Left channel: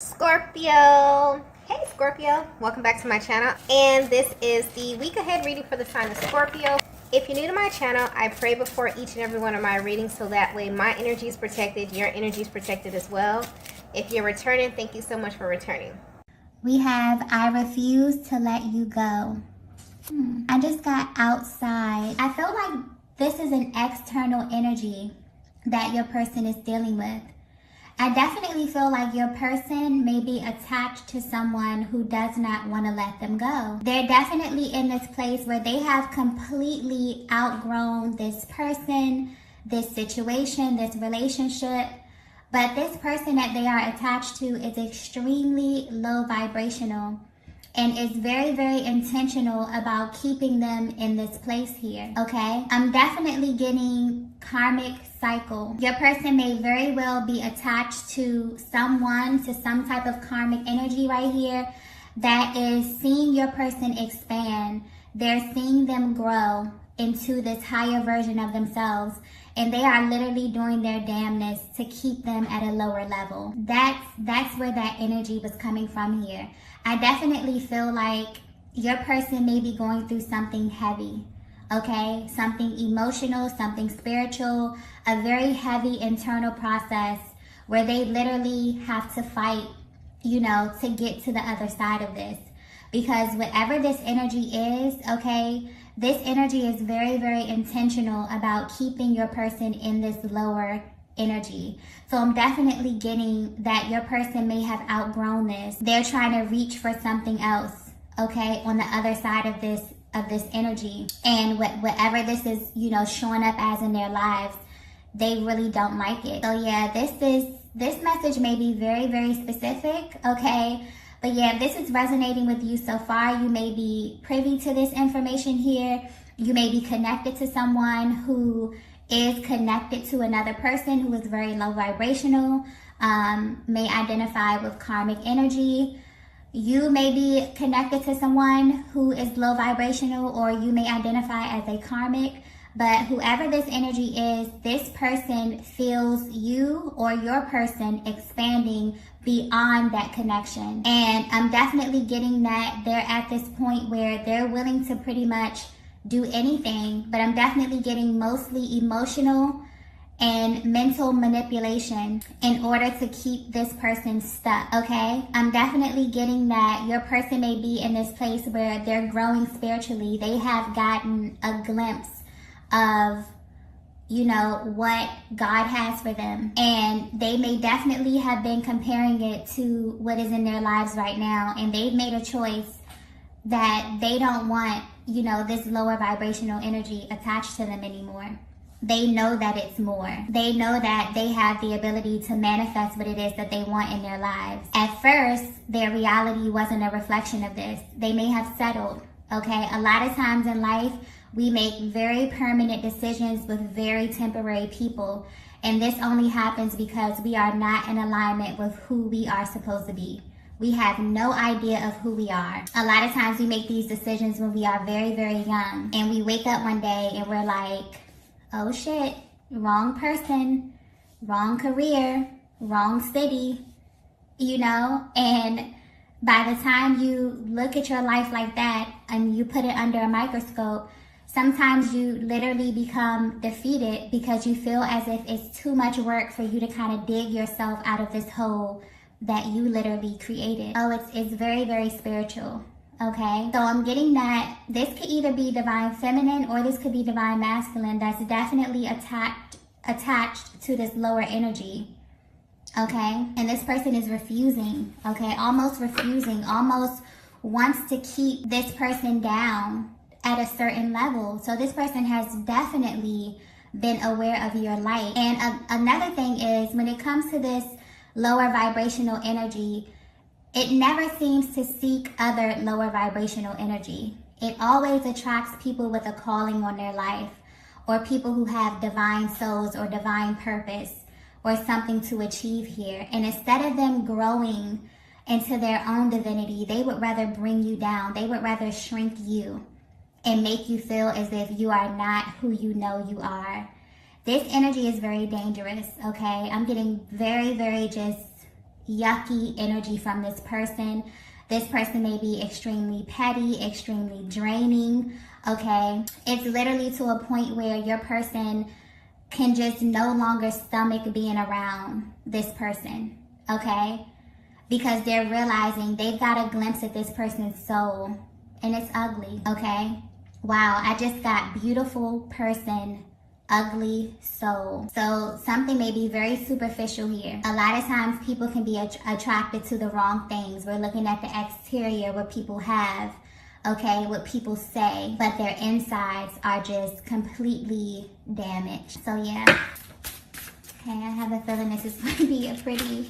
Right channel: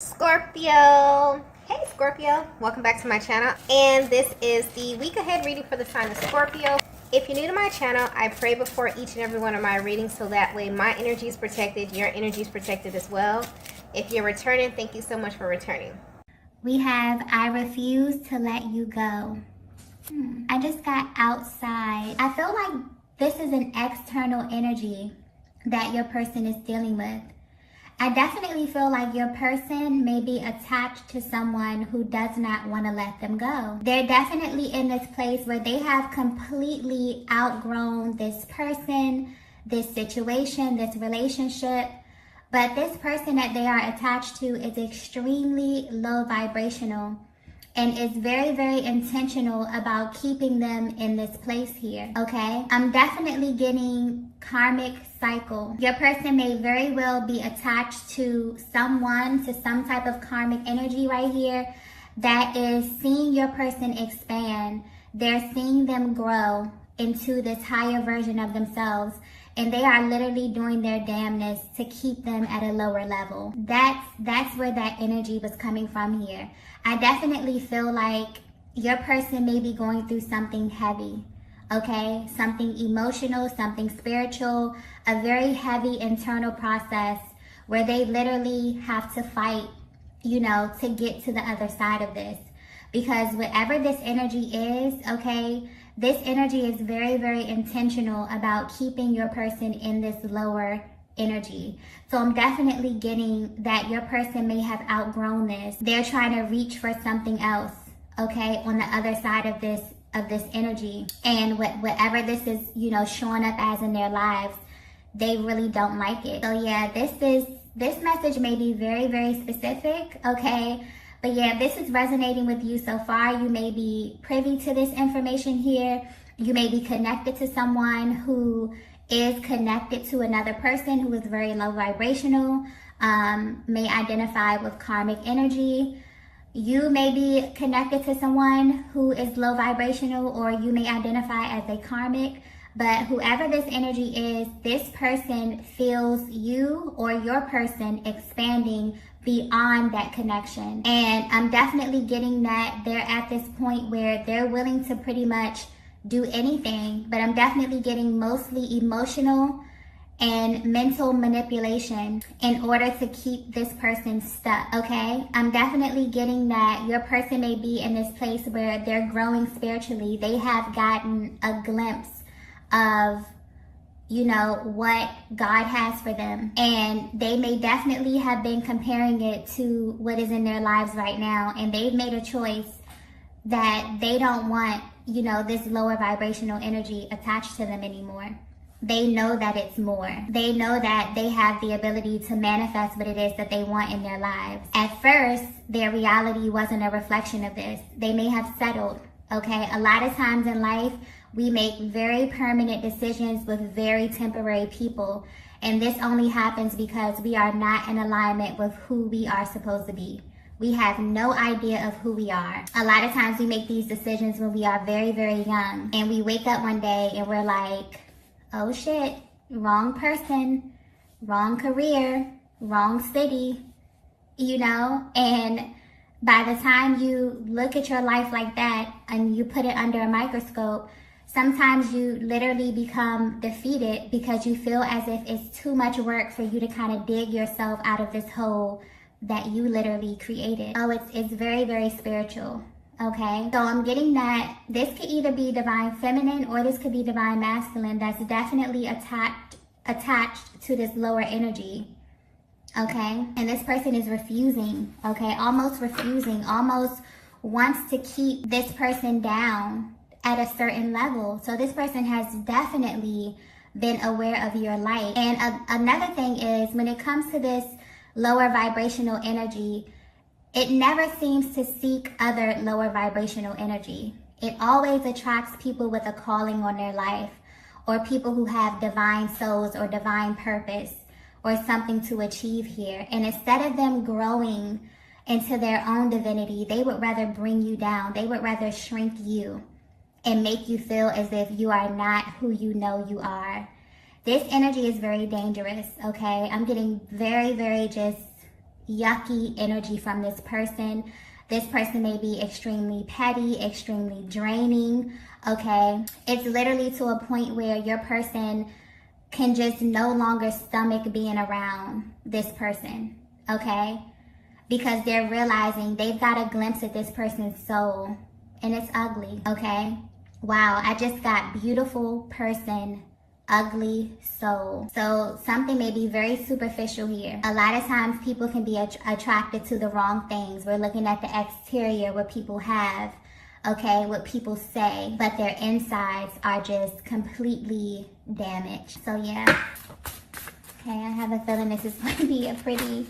Scorpio. Hey Scorpio, welcome back to my channel, and this is the week ahead reading for the sign of Scorpio. If you're new to my channel, I pray before each and every one of my readings so that way my energy is protected, your energy is protected as well. If you're returning, thank you so much for returning. We have I refuse to let you go. I just got outside. I feel like this is an external energy that your person is dealing with. I definitely feel like your person may be attached to someone who does not want to let them go. They're definitely in this place where they have completely outgrown this person, this situation, this relationship. But this person that they are attached to is extremely low vibrational and is very, very intentional about keeping them in this place here, okay? I'm definitely getting karmic cycle. Your person may very well be attached to someone, to some type of karmic energy right here that is seeing your person expand. They're seeing them grow into this higher version of themselves, and they are literally doing their damnness to keep them at a lower level. That's where that energy was coming from here. I definitely feel like your person may be going through something heavy, okay? Something emotional, something spiritual, a very heavy internal process where they literally have to fight, to get to the other side of this. Because whatever this energy is, okay, this energy is very, very intentional about keeping your person in this lower energy. So I'm definitely getting that your person may have outgrown this. They're trying to reach for something else, okay, on the other side of this energy. And whatever this is, showing up as in their lives, they really don't like it. So yeah, this message may be very, very specific, okay? But yeah, this is resonating with you so far. You may be privy to this information here. You may be connected to someone who is connected to another person who is very low vibrational, may identify with karmic energy. You may be connected to someone who is low vibrational, or you may identify as a karmic. But whoever this energy is, this person feels you or your person expanding beyond that connection. And I'm definitely getting that they're at this point where they're willing to pretty much do anything, but I'm definitely getting mostly emotional and mental manipulation in order to keep this person stuck, okay? I'm definitely getting that your person may be in this place where they're growing spiritually. They have gotten a glimpse of what God has for them, and they may definitely have been comparing it to what is in their lives right now, and they've made a choice that they don't want this lower vibrational energy attached to them anymore. They know that it's more. They know that they have the ability to manifest what it is that they want in their lives. At first, their reality wasn't a reflection of this. They may have settled, okay? A lot of times in life, we make very permanent decisions with very temporary people. And this only happens because we are not in alignment with who we are supposed to be. We have no idea of who we are. A lot of times we make these decisions when we are very, very young. And we wake up one day and we're like, oh shit, wrong person, wrong career, wrong city, And by the time you look at your life like that and you put it under a microscope, sometimes you literally become defeated because you feel as if it's too much work for you to kind of dig yourself out of this hole that you literally created. Oh, it's very, very spiritual, okay? So I'm getting that this could either be divine feminine or this could be divine masculine that's definitely attached to this lower energy, okay? And this person is refusing, okay? Almost refusing, almost wants to keep this person down at a certain level. So this person has definitely been aware of your light. And another thing is, when it comes to this lower vibrational energy, it never seems to seek other lower vibrational energy. It always attracts people with a calling on their life, or people who have divine souls or divine purpose or something to achieve here. And instead of them growing into their own divinity, they would rather bring you down. They would rather shrink you and make you feel as if you are not who you know you are. This energy is very dangerous, okay? I'm getting very, very just yucky energy from this person. This person may be extremely petty, extremely draining, okay? It's literally to a point where your person can just no longer stomach being around this person, okay? Because they're realizing they've got a glimpse at this person's soul, and it's ugly, okay? Wow, I just got beautiful person, ugly soul. So something may be very superficial here. A lot of times people can be attracted to the wrong things. We're looking at the exterior, what people have, okay, what people say, but their insides are just completely damaged. So yeah, okay, I have a feeling this is going to be a pretty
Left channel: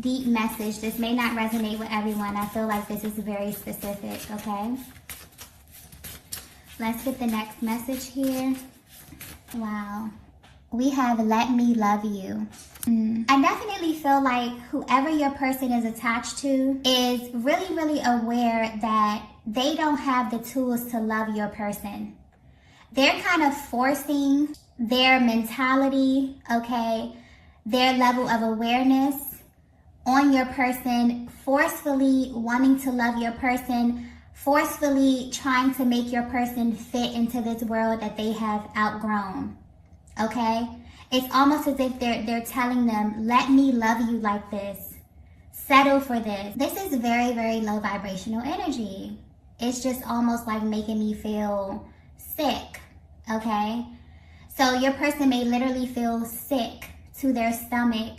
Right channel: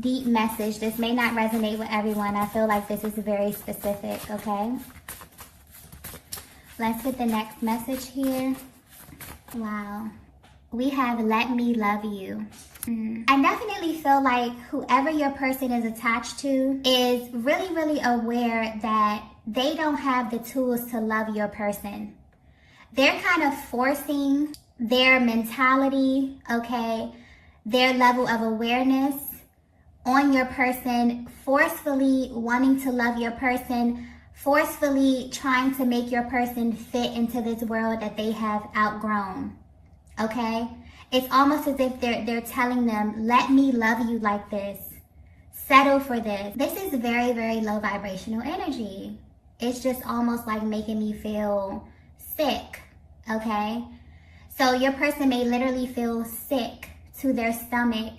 deep message. This may not resonate with everyone. I feel like this is very specific, okay? Let's get the next message here. Wow. We have let me love you. I definitely feel like whoever your person is attached to is really, really aware that they don't have the tools to love your person. They're kind of forcing their mentality, okay, their level of awareness on your person, forcefully wanting to love your person, forcefully trying to make your person fit into this world that they have outgrown, okay? It's almost as if they're telling them, let me love you like this. Settle for this. This is very, very low vibrational energy. It's just almost like making me feel sick, okay? So your person may literally feel sick to their stomach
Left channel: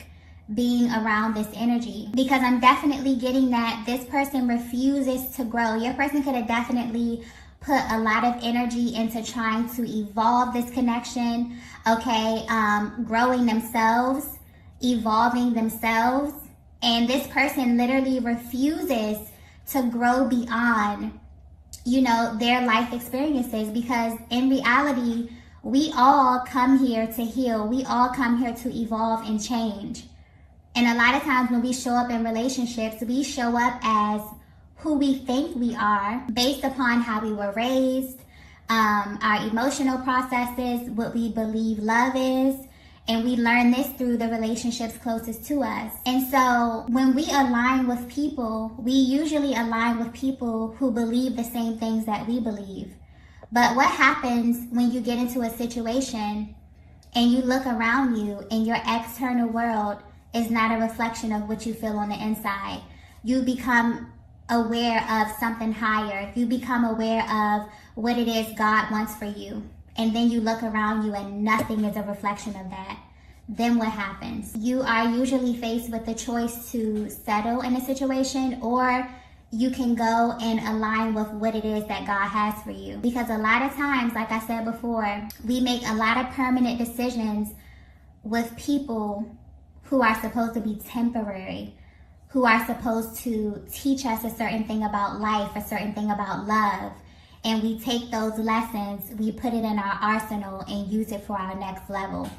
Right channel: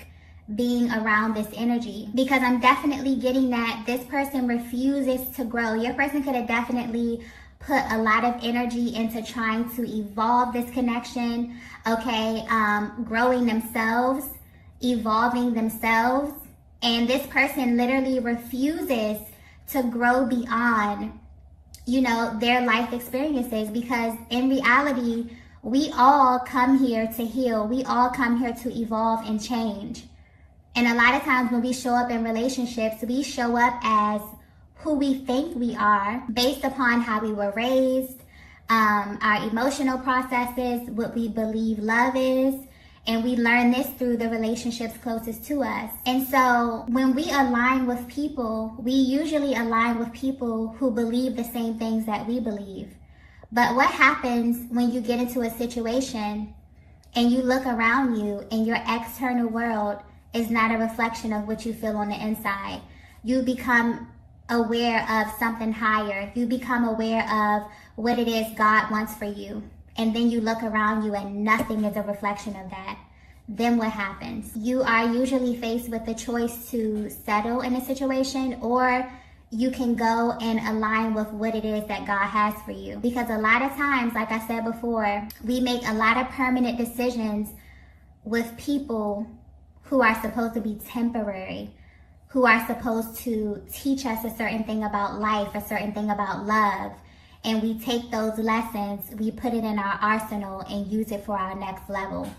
being around this energy, because I'm definitely getting that this person refuses to grow. Your person could have definitely put a lot of energy into trying to evolve this connection, okay, growing themselves, evolving themselves, and this person literally refuses to grow beyond, you know, their life experiences, because in reality, we all come here to heal. We all come here to evolve and change. And a lot of times when we show up in relationships, we show up as who we think we are based upon how we were raised, our emotional processes, what we believe love is. And we learn this through the relationships closest to us. And so when we align with people, we usually align with people who believe the same things that we believe. But what happens when you get into a situation and you look around you and your external world is not a reflection of what you feel on the inside? You become aware of something higher. You become aware of what it is God wants for you. And then you look around you and nothing is a reflection of that. Then what happens? You are usually faced with the choice to settle in a situation, or you can go and align with what it is that God has for you. Because a lot of times, like I said before, we make a lot of permanent decisions with people who are supposed to be temporary, who are supposed to teach us a certain thing about life, a certain thing about love. And we take those lessons, we put it in our arsenal and use it for our next level.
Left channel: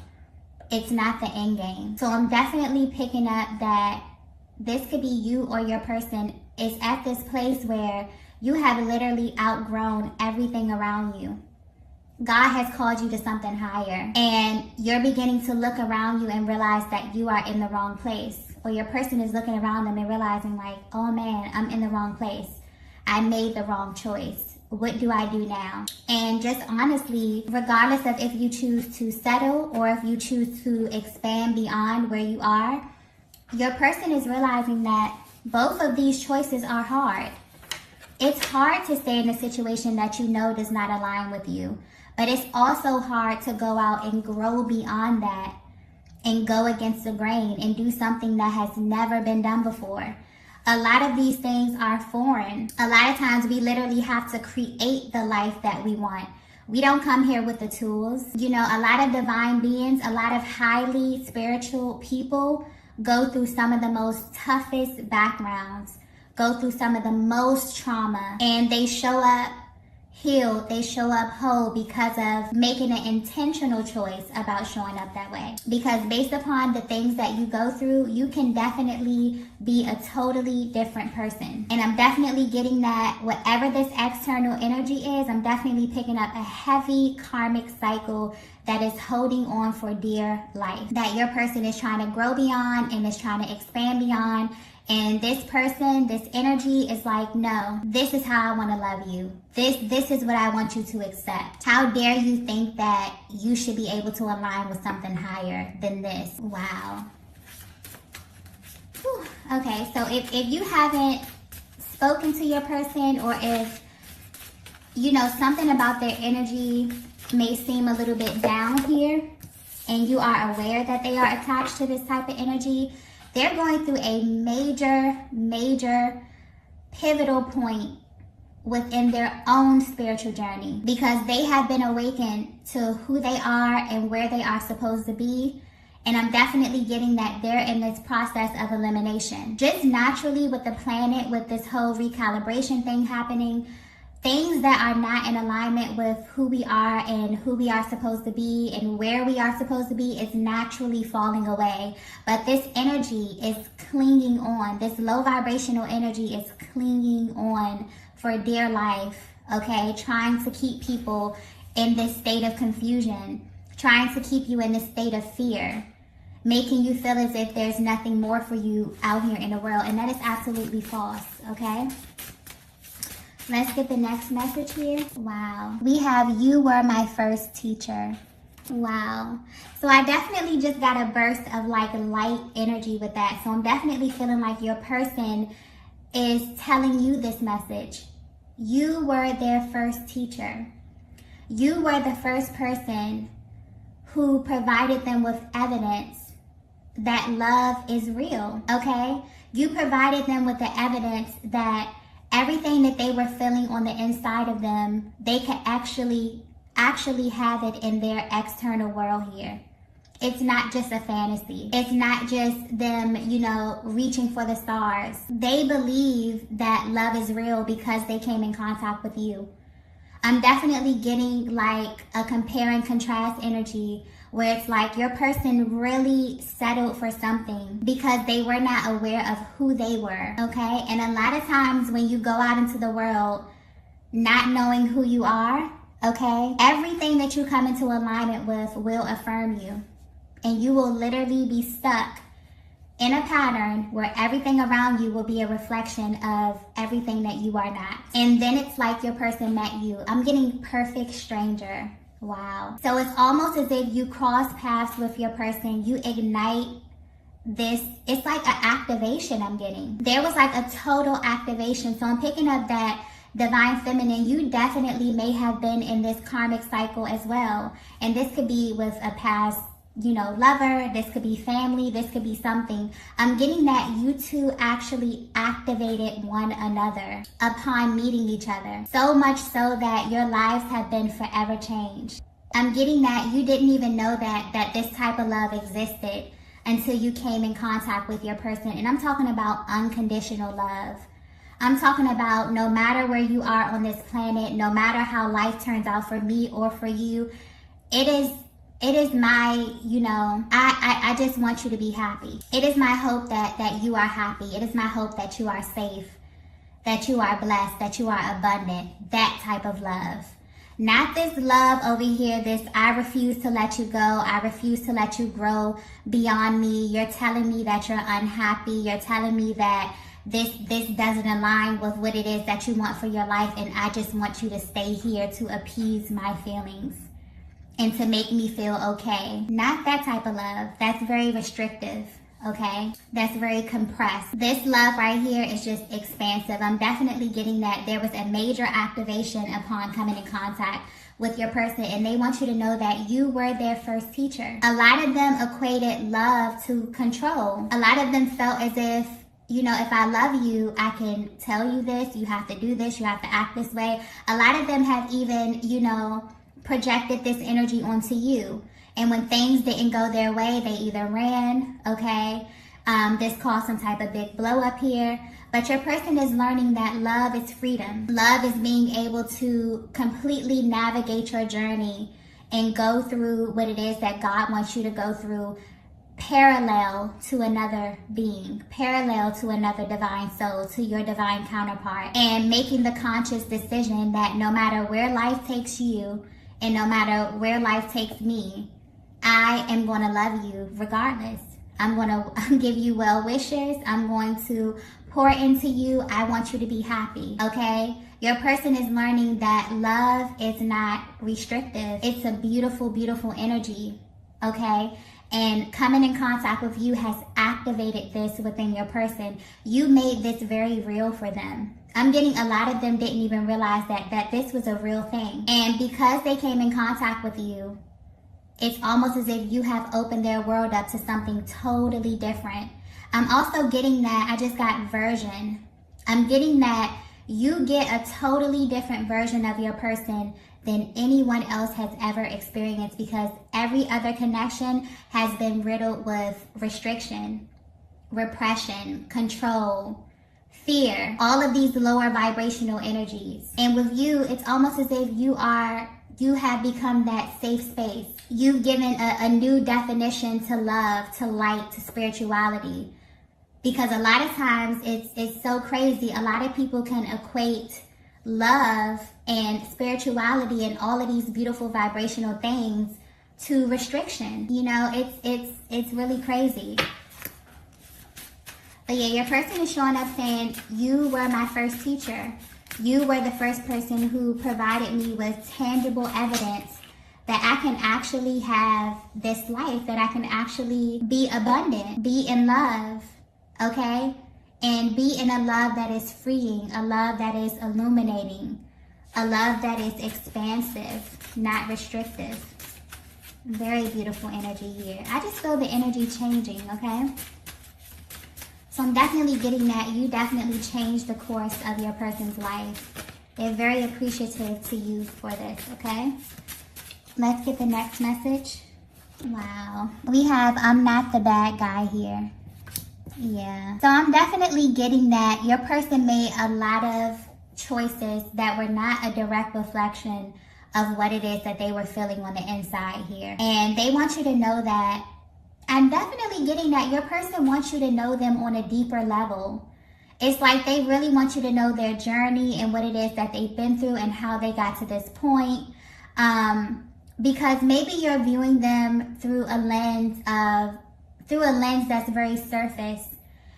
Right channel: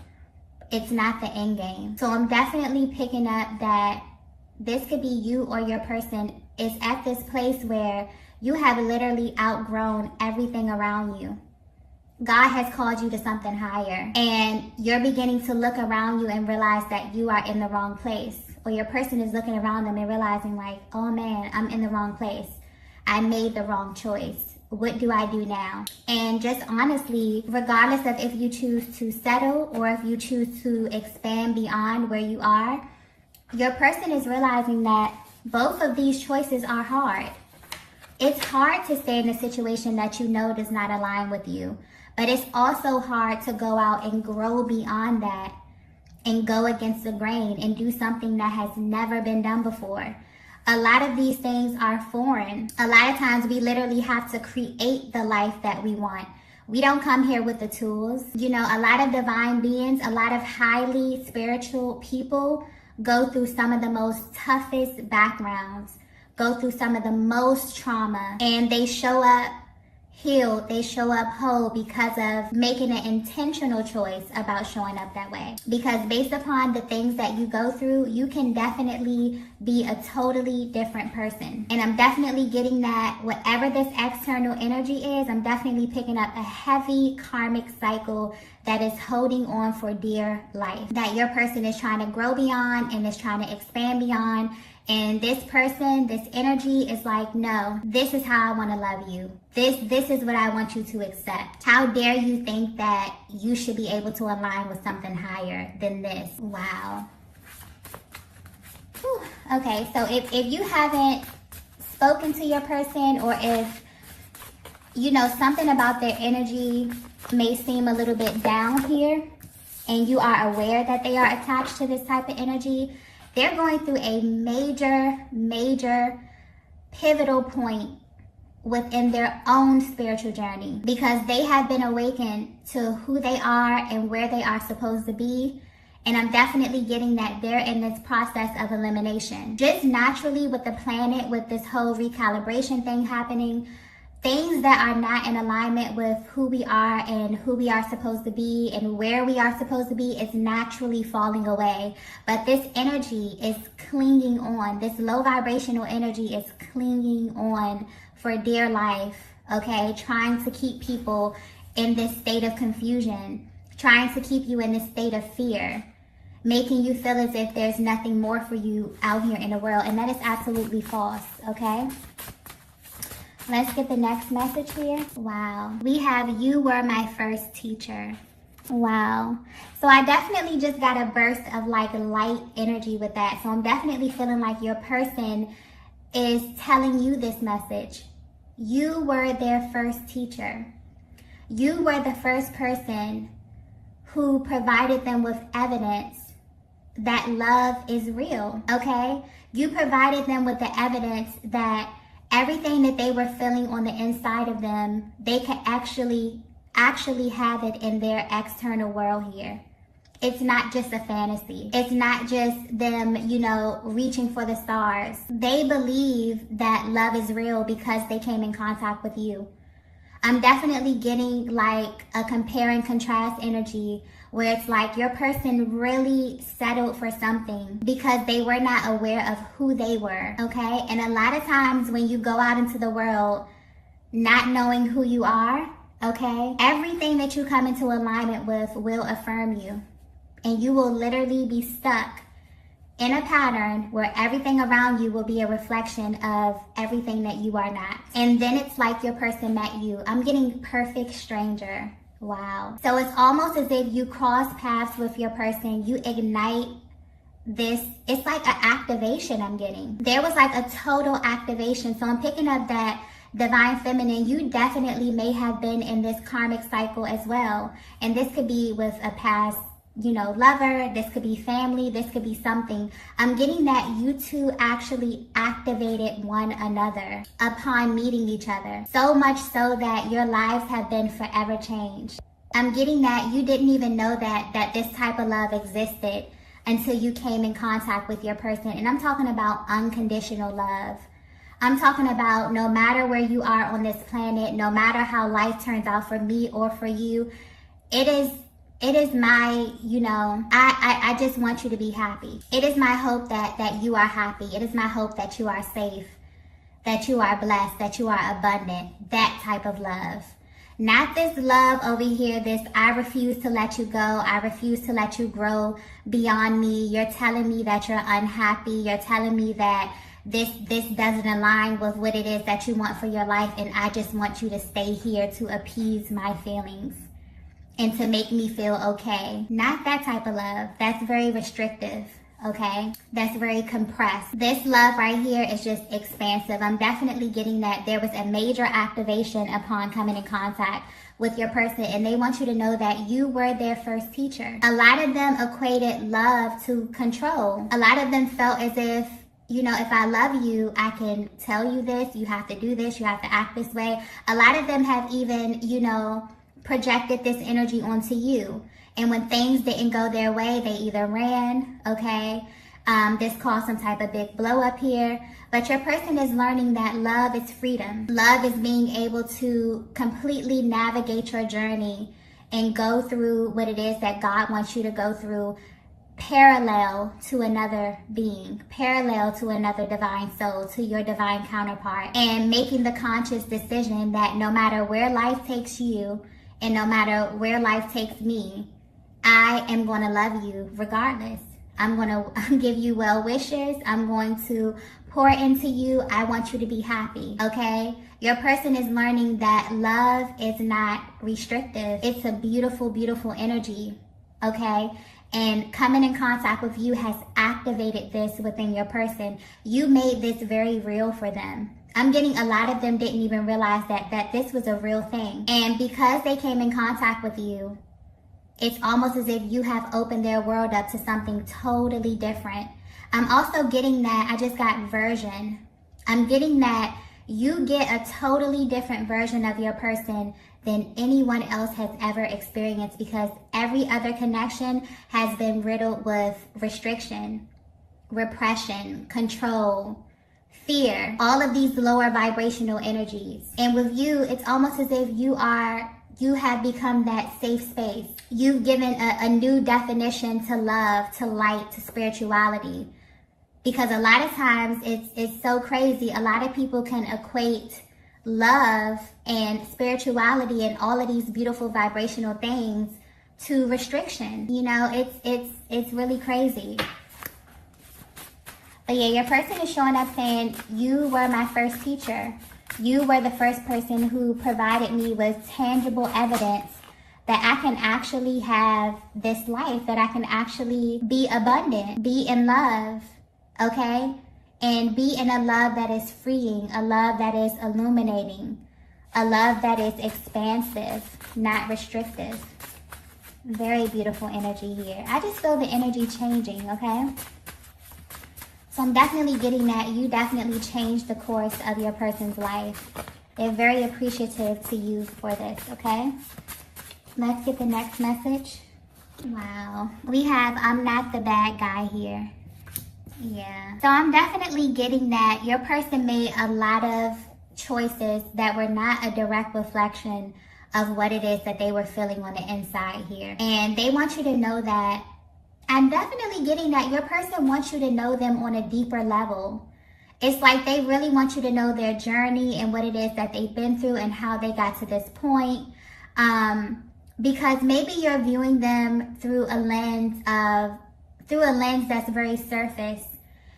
It's not the end game. So I'm definitely picking up that this could be you or your person is at this place where you have literally outgrown everything around you. God has called you to something higher, and you're beginning to look around you and realize that you are in the wrong place. Or your person is looking around them and realizing like, oh man, I'm in the wrong place. I made the wrong choice. What do I do now? And just honestly, regardless of if you choose to settle or if you choose to expand beyond where you are, your person is realizing that both of these choices are hard. It's hard to stay in a situation that you know does not align with you, but it's also hard to go out and grow beyond that and go against the grain and do something that has never been done before. A lot of these things are foreign. A lot of times we literally have to create the life that we want. We don't come here with the tools. You know, a lot of divine beings, a lot of highly spiritual people go through some of the most toughest backgrounds, go through some of the most trauma, and they show up healed, they show up whole because of making an intentional choice about showing up that way. Because based upon the things that you go through, you can definitely be a totally different person. And I'm definitely getting that whatever this external energy is, I'm definitely picking up a heavy karmic cycle that is holding on for dear life. That your person is trying to grow beyond and is trying to expand beyond. And this person, this energy is like, no, this is how I want to love you. This is what I want you to accept. How dare you think that you should be able to align with something higher than this? Wow. Whew. Okay, so if you haven't spoken to your person, or if, you know, something about their energy may seem a little bit down here, and you are aware that they are attached to this type of energy, they're going through a major pivotal point within their own spiritual journey, because they have been awakened to who they are and where they are supposed to be. And I'm definitely getting that they're in this process of elimination. Just naturally with the planet, with this whole recalibration thing happening, things that are not in alignment with who we are and who we are supposed to be and where we are supposed to be is naturally falling away. But this energy is clinging on. This low vibrational energy is clinging on for dear life, okay? Trying to keep people in this state of confusion, trying to keep you in this state of fear, making you feel as if there's nothing more for you out here in the world. And that is absolutely false, okay? Let's get the next message here. Wow. We have, you were my first teacher. Wow. So I definitely just got a burst of like light energy with that. So I'm definitely feeling like your person is telling you this message. You were their first teacher. You were the first person who provided them with evidence that love is real, okay? You provided them with the evidence that everything that they were feeling on the inside of them, they could actually have it in their external world here. It's not just a fantasy. It's not just them, you know, reaching for the stars. They believe that love is real because they came in contact with you. I'm definitely getting like a compare and contrast energy where it's like your person really settled for something because they were not aware of who they were, okay? And a lot of times when you go out into the world not knowing who you are, okay, everything that you come into alignment with will affirm you. And you will literally be stuck in a pattern where everything around you will be a reflection of everything that you are not. And then it's like your person met you. I'm getting perfect stranger. Wow. So it's almost as if you cross paths with your person, you ignite this, it's like an activation I'm getting. There was like a total activation. So I'm picking up that divine feminine, you definitely may have been in this karmic cycle as well. And this could be with a past, you know, lover, this could be family, this could be something. I'm getting that you two actually activated one another upon meeting each other. So much so that your lives have been forever changed. I'm getting that you didn't even know that this type of love existed until you came in contact with your person. And I'm talking about unconditional love. I'm talking about no matter where you are on this planet, no matter how life turns out for me or for you, it is my, you know, I just want you to be happy. It is my hope that you are happy. It is my hope that you are safe, that you are blessed, that you are abundant. That type of love. Not this love over here, this I refuse to let you go. I refuse to let you grow beyond me. You're telling me that you're unhappy. You're telling me that this doesn't align with what it is that you want for your life. And I just want you to stay here to appease my feelings and to make me feel okay. Not that type of love. That's very restrictive, okay? That's very compressed. This love right here is just expansive. I'm definitely getting that there was a major activation upon coming in contact with your person, and they want you to know that you were their first teacher. A lot of them equated love to control. A lot of them felt as if, you know, if I love you, I can tell you this, you have to do this, you have to act this way. A lot of them have even, you know, projected this energy onto you. And when things didn't go their way, they either ran, okay? This caused some type of big blow up here. But your person is learning that love is freedom. Love is being able to completely navigate your journey and go through what it is that God wants you to go through, parallel to another being, parallel to another divine soul, to your divine counterpart, and making the conscious decision that no matter where life takes you and no matter where life takes me, I am going to love you regardless. I'm going to give you well wishes. I'm going to pour into you. I want you to be happy, okay? Your person is learning that love is not restrictive. It's a beautiful, beautiful energy, okay? And coming in contact with you has activated this within your person. You made this very real for them. I'm getting a lot of them didn't even realize that this was a real thing. And because they came in contact with you, it's almost as if you have opened their world up to something totally different. I'm also getting that, I just got version. I'm getting that you get a totally different version of your person than anyone else has ever experienced, because every other connection has been riddled with restriction, repression, control, fear, all of these lower vibrational energies. And with you, it's almost as if you have become that safe space. You've given a new definition to love, to light, to spirituality. Because a lot of times it's so crazy. A lot of people can equate love and spirituality and all of these beautiful vibrational things to restriction. You know, it's really crazy. But yeah, your person is showing up saying, you were my first teacher. You were the first person who provided me with tangible evidence that I can actually have this life, that I can actually be abundant, be in love, okay? And be in a love that is freeing, a love that is illuminating, a love that is expansive, not restrictive. Very beautiful energy here. I just feel the energy changing, okay? So I'm definitely getting that you definitely changed the course of your person's life. They're very appreciative to you for this, okay? Let's get the next message. Wow. We have, I'm not the bad guy here. Yeah. So I'm definitely getting that your person made a lot of choices that were not a direct reflection of what it is that they were feeling on the inside here. And they want you to know that. I'm definitely getting that your person wants you to know them on a deeper level. It's like they really want you to know their journey and what it is that they've been through and how they got to this point. Because maybe you're viewing them through a lens that's very surface.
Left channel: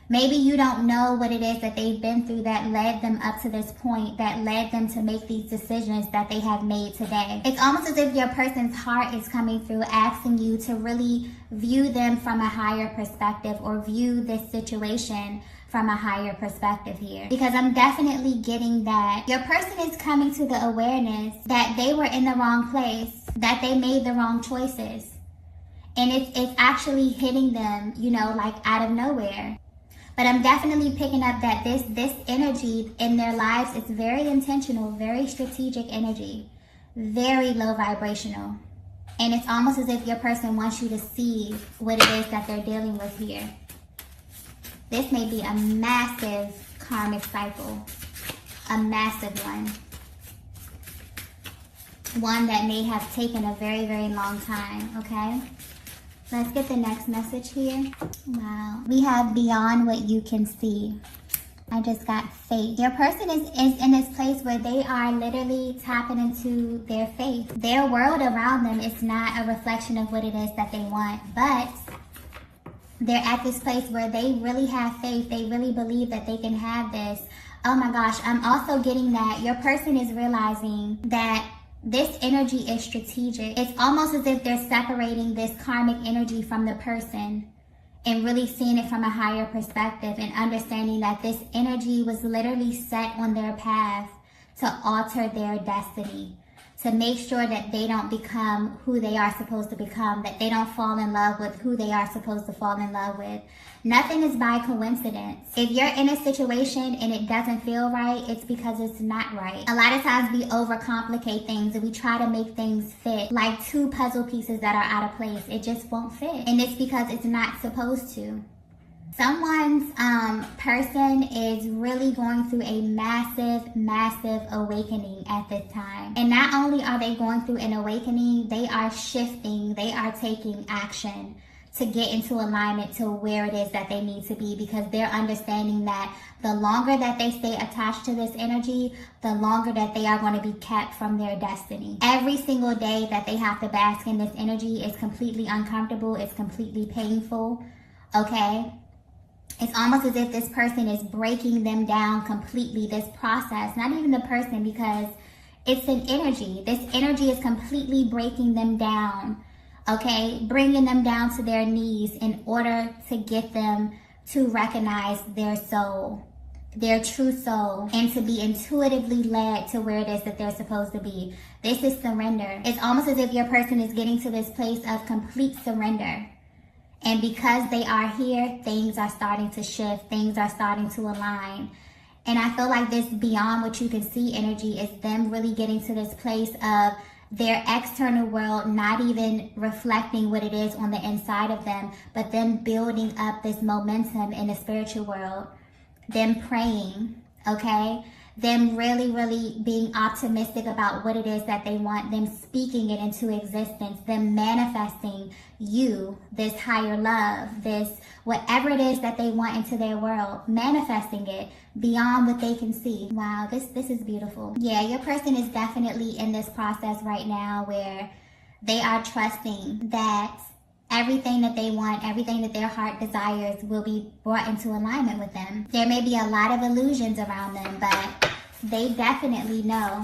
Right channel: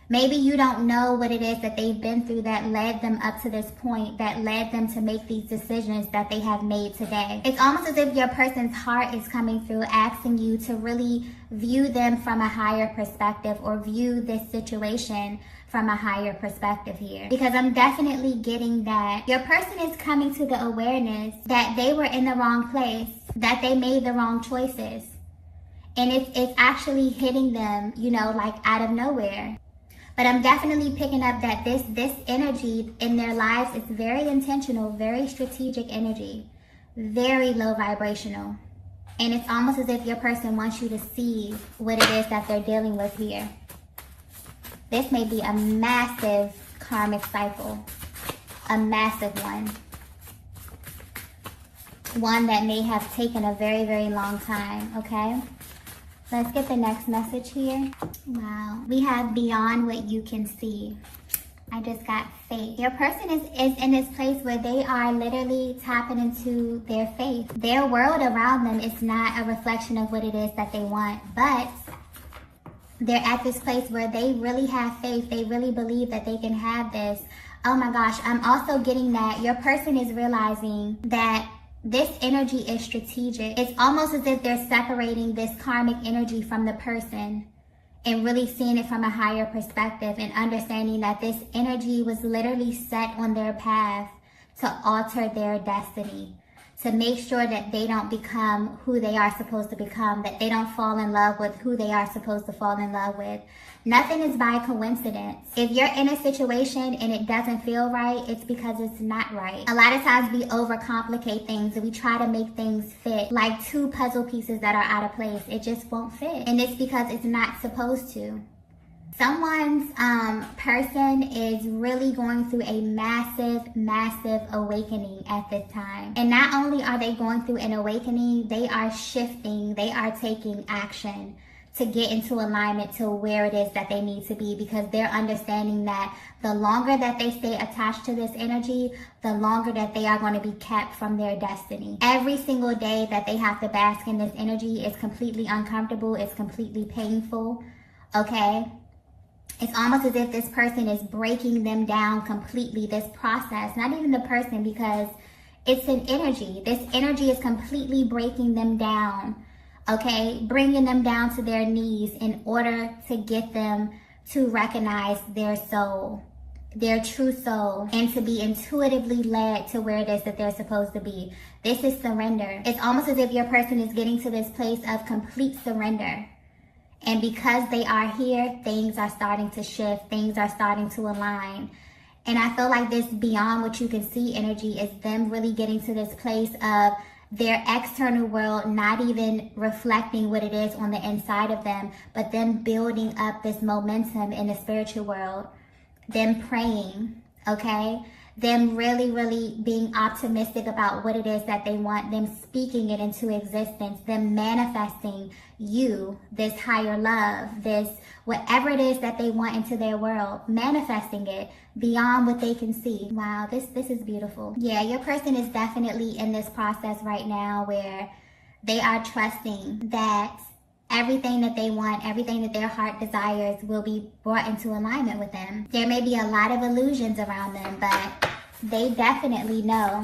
Maybe you don't know what it is that they've been through that led them up to this point, that led them to make these decisions that they have made today. It's almost as if your person's heart is coming through, asking you to really view them from a higher perspective, or view this situation from a higher perspective here. Because I'm definitely getting that your person is coming to the awareness that they were in the wrong place, that they made the wrong choices. And it's actually hitting them, you know, like out of nowhere. But I'm definitely picking up that this energy in their lives is very intentional, very strategic energy, very low vibrational. And it's almost as if your person wants you to see what it is that they're dealing with here. This may be a massive karmic cycle, a massive one. One that may have taken a very, very long time, okay? Let's get the next message here. Wow. We have beyond what you can see. I just got faith. Your person is in this place where they are literally tapping into their faith. Their world around them is not a reflection of what it is that they want, but they're at this place where they really have faith. They really believe that they can have this. Oh my gosh, I'm also getting that your person is realizing that this energy is strategic. It's almost as if they're separating this karmic energy from the person and really seeing it from a higher perspective and understanding that this energy was literally set on their path to alter their destiny, to make sure that they don't become who they are supposed to become, that they don't fall in love with who they are supposed to fall in love with. Nothing is by coincidence. If you're in a situation and it doesn't feel right, it's because it's not right. A lot of times we overcomplicate things and we try to make things fit like two puzzle pieces that are out of place. It just won't fit. And it's because it's not supposed to. Someone's person is really going through a massive awakening at this time. And not only are they going through an awakening, they are shifting, they are taking action to get into alignment to where it is that they need to be, because they're understanding that the longer that they stay attached to this energy, the longer that they are going to be kept from their destiny. Every single day that they have to bask in this energy is completely uncomfortable, it's completely painful, okay? It's almost as if this person is breaking them down completely, this process, not even the person, because it's an energy. This energy is completely breaking them down, okay? Bringing them down to their knees in order to get them to recognize their soul, their true soul, and to be intuitively led to where it is that they're supposed to be. This is surrender. It's almost as if your person is getting to this place of complete surrender. And because they are here, things are starting to shift, things are starting to align. And I feel like this beyond what you can see energy is them really getting to this place of their external world not even reflecting what it is on the inside of them, but them building up this momentum in the spiritual world, them praying, okay? Them really being optimistic about what it is that they want, them speaking it into existence, them manifesting you, this higher love, this whatever it is that they want into their world, manifesting it beyond what they can see. Wow, this is beautiful. Yeah, your person is definitely in this process right now where they are trusting that everything that they want, everything that their heart desires will be brought into alignment with them. There may be a lot of illusions around them, but they definitely know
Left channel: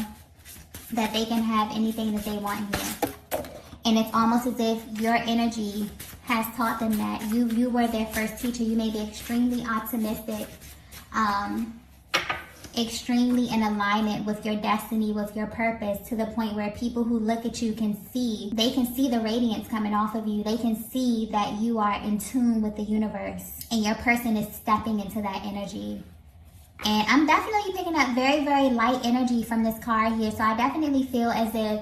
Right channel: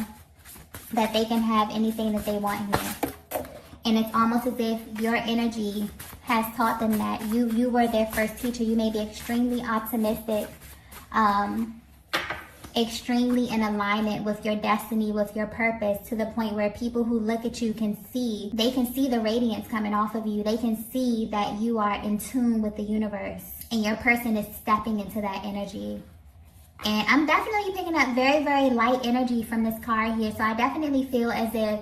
that they can have anything that they want here. And it's almost as if your energy has taught them that. You were their first teacher. You may be extremely optimistic, extremely in alignment with your destiny, with your purpose, to the point where people who look at you can see the radiance coming off of you. They can see that you are in tune with the universe, and your person is stepping into that energy. And I'm definitely picking up very light energy from this card here. So I definitely feel as if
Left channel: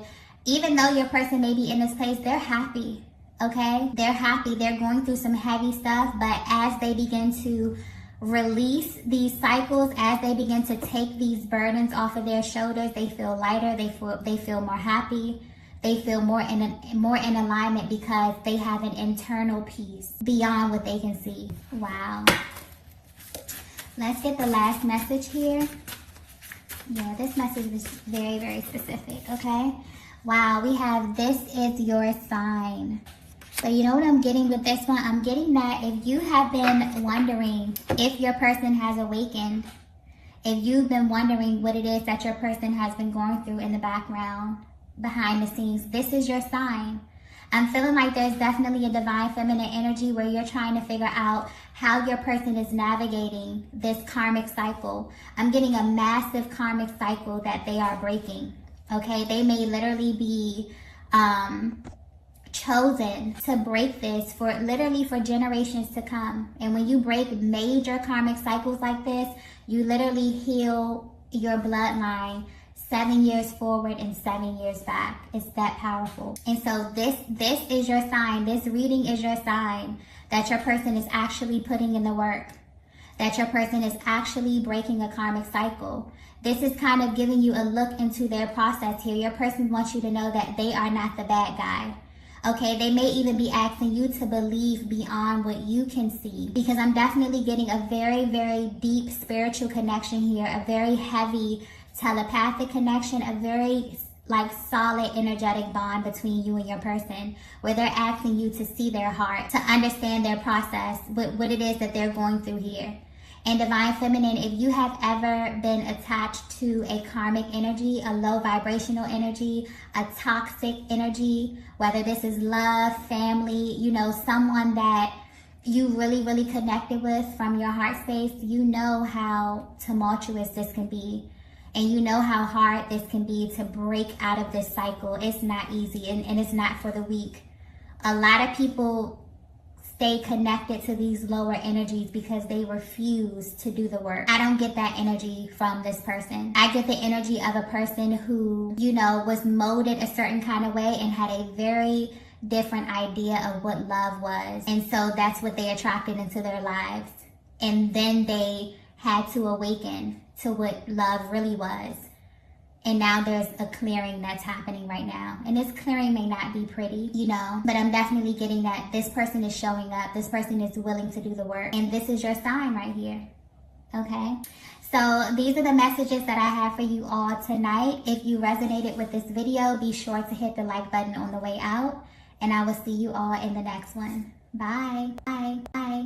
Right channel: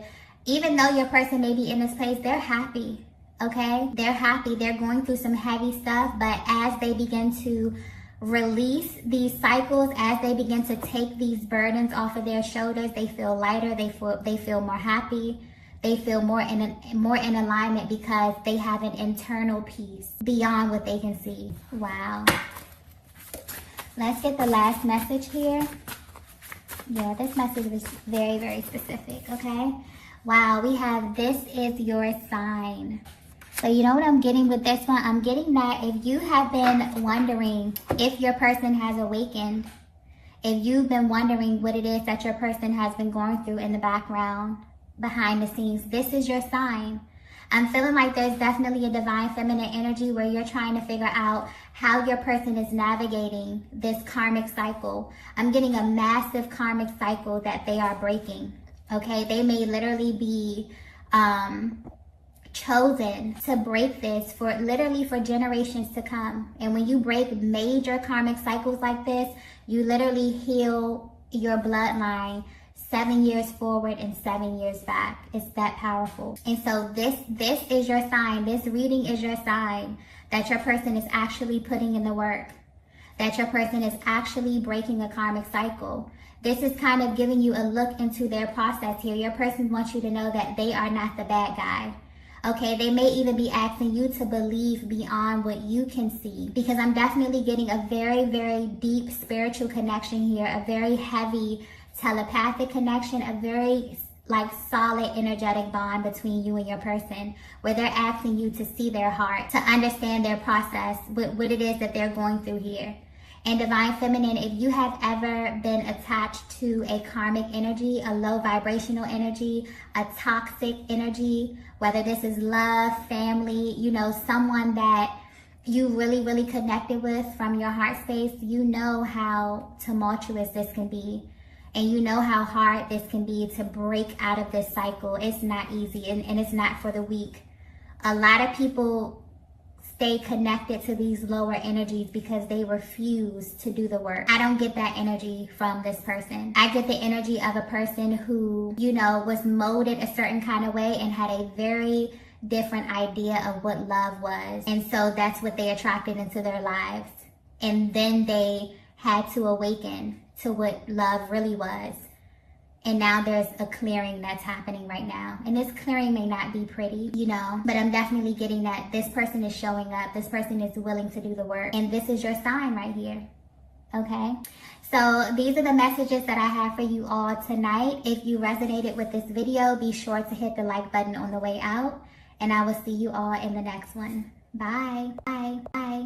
even though your person may be in this place, they're happy, okay? They're happy. They're going through some heavy stuff, but as they begin to release these cycles, as they begin to take these burdens off of their shoulders, they feel lighter, they feel more happy, they feel more in alignment because they have an internal peace beyond what they can see. Wow. Let's get the last message here. Yeah, this message is very specific, okay? Wow, we have this is your sign. So you know what I'm getting with this one? I'm getting that if you have been wondering if your person has awakened, if you've been wondering what it is that your person has been going through in the background, behind the scenes, this is your sign. I'm feeling like there's definitely a divine feminine energy where you're trying to figure out how your person is navigating this karmic cycle. I'm getting a massive karmic cycle that they are breaking. Okay, they may literally be chosen to break this for generations to come. And when you break major karmic cycles like this, you literally heal your bloodline 7 years forward and 7 years back. It's that powerful. And so this is your sign. This reading is your sign that your person is actually putting in the work, that your person is actually breaking a karmic cycle. This is kind of giving you a look into their process here. Your person wants you to know that they are not the bad guy. Okay, they may even be asking you to believe beyond what you can see, because I'm definitely getting a very deep spiritual connection here, a very heavy telepathic connection, a very solid energetic bond between you and your person, where they're asking you to see their heart, to understand their process, what it is that they're going through here. And Divine Feminine, if you have ever been attached to a karmic energy, a low vibrational energy, a toxic energy, whether this is love, family, someone that you really connected with from your heart space, you know how tumultuous this can be. And you know how hard this can be to break out of this cycle. It's not easy, and it's not for the weak. A lot of people stay connected to these lower energies because they refuse to do the work. I don't get that energy from this person. I get the energy of a person who, was molded a certain kind of way and had a very different idea of what love was. And so that's what they attracted into their lives. And then they had to awaken to what love really was. And now there's a clearing that's happening right now. And this clearing may not be pretty, you know, but I'm definitely getting that this person is showing up. This person is willing to do the work. And this is your sign right here. Okay? So these are the messages that I have for you all tonight. If you resonated with this video, be sure to hit the like button on the way out. And I will see you all in the next one. Bye. Bye. Bye.